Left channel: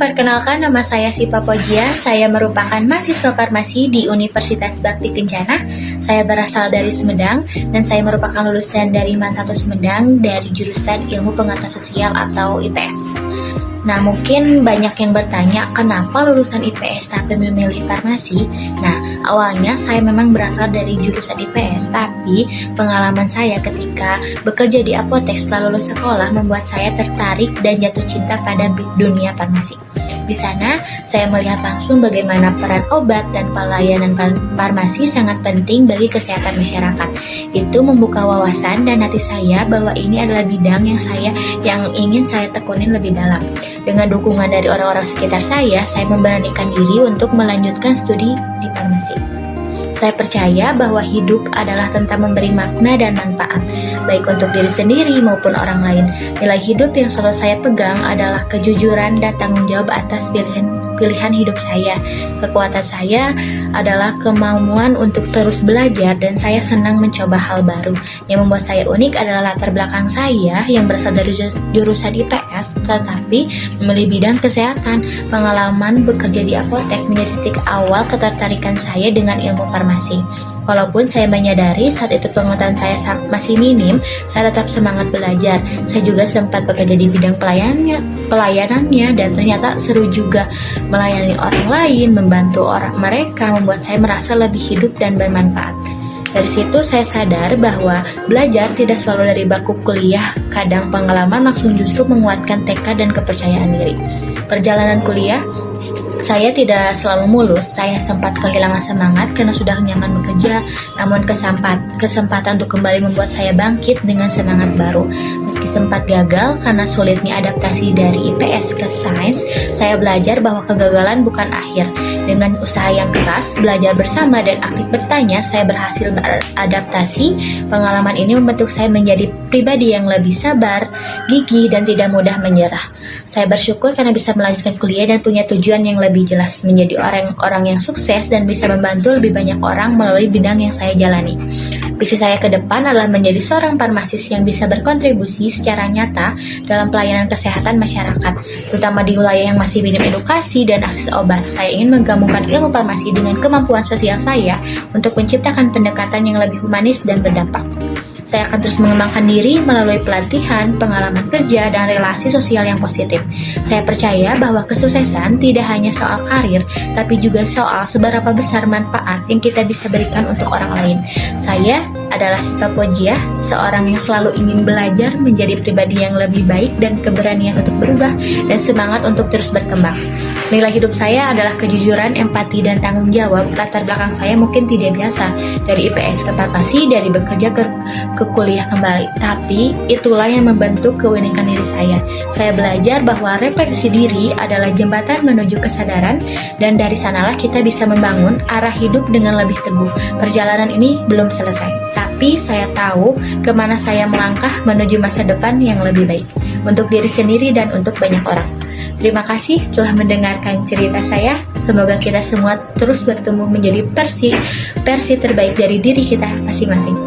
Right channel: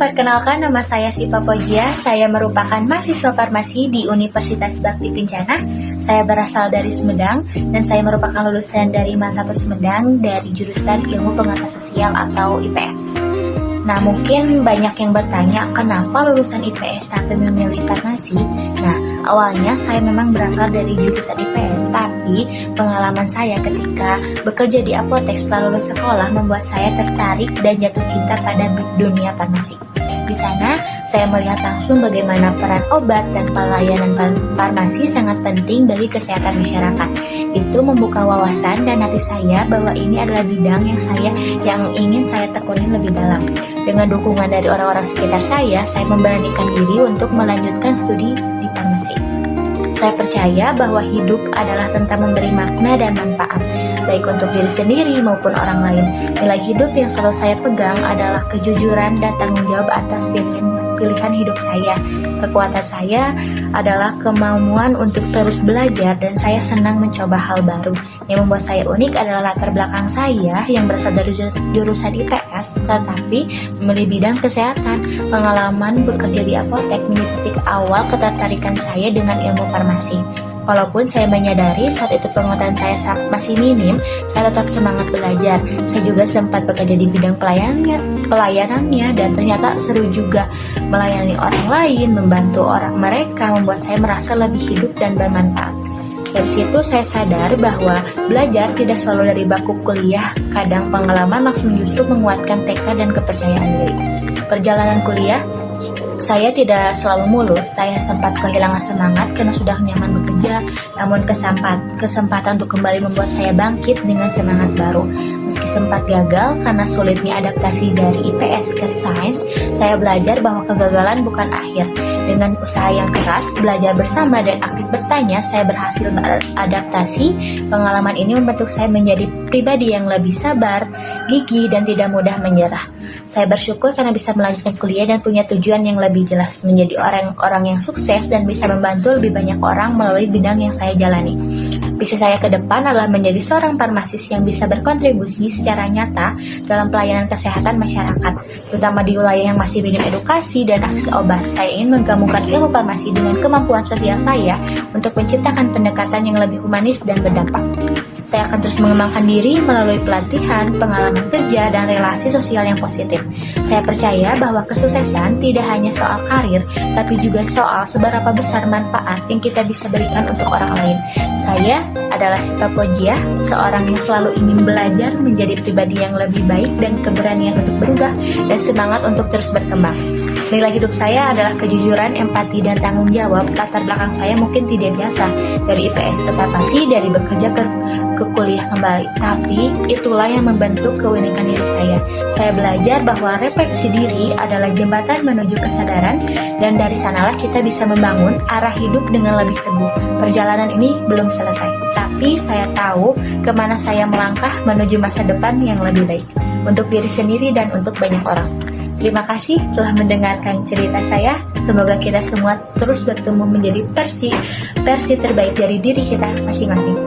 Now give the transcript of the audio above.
perkenalkan nama saya Sipa Pojia. Saya merupakan mahasiswa farmasi di Universitas Bakti Kencana. Saya berasal dari Sumedang dan saya merupakan lulusan dari MAN 1 Sumedang dari jurusan Ilmu Pengetahuan Sosial atau IPS. Nah, mungkin banyak yang bertanya kenapa lulusan IPS tapi memilih farmasi. Nah, awalnya saya memang berasal dari jurusan IPS, tapi pengalaman saya ketika bekerja di apotek setelah lulus sekolah membuat saya tertarik dan jatuh cinta pada dunia farmasi. Di sana, saya melihat langsung bagaimana peran obat dan pelayanan farmasi sangat penting bagi kesehatan masyarakat. Itu membuka wawasan dan hati saya bahwa ini adalah bidang yang ingin saya tekunin lebih dalam. Dengan dukungan dari orang-orang sekitar saya memberanikan diri untuk melanjutkan studi di farmasi. Saya percaya bahwa hidup adalah tentang memberi makna dan manfaat, baik untuk diri sendiri maupun orang lain. Nilai hidup yang selalu saya pegang adalah kejujuran dan tanggung jawab atas pilihan hidup saya. Kekuatan saya adalah kemauan untuk terus belajar dan saya senang mencoba hal baru. Yang membuat saya unik adalah latar belakang saya yang berasal dari jurusan IPS, tetapi memilih bidang kesehatan. Pengalaman bekerja di apotek menjadi titik awal ketertarikan saya dengan ilmu farmasi. Walaupun saya menyadari saat itu pengetahuan saya masih minim, saya tetap semangat belajar. Saya juga sempat bekerja di bidang pelayanannya dan ternyata seru juga melayani orang lain, membantu orang mereka, membuat saya merasa lebih hidup dan bermanfaat. Dari situ saya sadar bahwa belajar tidak selalu dari bangku kuliah, kadang pengalaman langsung justru menguatkan tekad dan kepercayaan diri. Perjalanan kuliah saya tidak selalu mulus, saya sempat kehilangan semangat karena sudah nyaman bekerja, namun kesempatan untuk kembali membuat saya bangkit dengan semangat baru. Meski sempat gagal karena sulitnya adaptasi dari IPS ke sains, saya belajar bahwa kegagalan bukan akhir. Dengan usaha yang keras, belajar bersama dan aktif bertanya, saya berhasil beradaptasi. Pengalaman ini membentuk saya menjadi pribadi yang lebih sabar, gigih, dan tidak mudah menyerah. Saya bersyukur karena bisa melanjutkan kuliah dan punya tujuan yang lebih jelas, menjadi orang yang sukses dan bisa membantu lebih banyak orang melalui bidang yang saya jalani. Visi saya ke depan adalah menjadi seorang farmasis yang bisa berkontribusi secara nyata dalam pelayanan kesehatan masyarakat, terutama di wilayah yang masih minim edukasi dan akses obat. Saya ingin menggabungkan ilmu farmasi dengan kemampuan sosial saya untuk menciptakan pendekatan yang lebih humanis dan berdampak. Saya akan terus mengembangkan diri melalui pelatihan, pengalaman kerja, dan relasi sosial yang positif. Saya percaya bahwa kesuksesan tidak hanya soal karir, tapi juga soal seberapa besar manfaat yang kita bisa berikan untuk orang lain. Saya adalah Sipa Pojia, seorang yang selalu ingin belajar menjadi pribadi yang lebih baik dan keberanian untuk berubah dan semangat untuk terus berkembang. Nilai hidup saya adalah kejujuran, empati, dan tanggung jawab. Latar belakang saya mungkin tidak biasa, dari IPS ke farmasi, dari bekerja ke kuliah kembali. Tapi itulah yang membentuk keunikan diri saya. Saya belajar bahwa refleksi diri adalah jembatan menuju kesadaran, dan dari sanalah kita bisa membangun arah hidup dengan lebih teguh. Perjalanan ini belum selesai, tapi saya tahu kemana saya melangkah menuju masa depan yang lebih baik, untuk diri sendiri dan untuk banyak orang. Terima kasih telah mendengarkan cerita saya. Semoga kita semua terus bertumbuh menjadi versi terbaik dari diri kita masing-masing.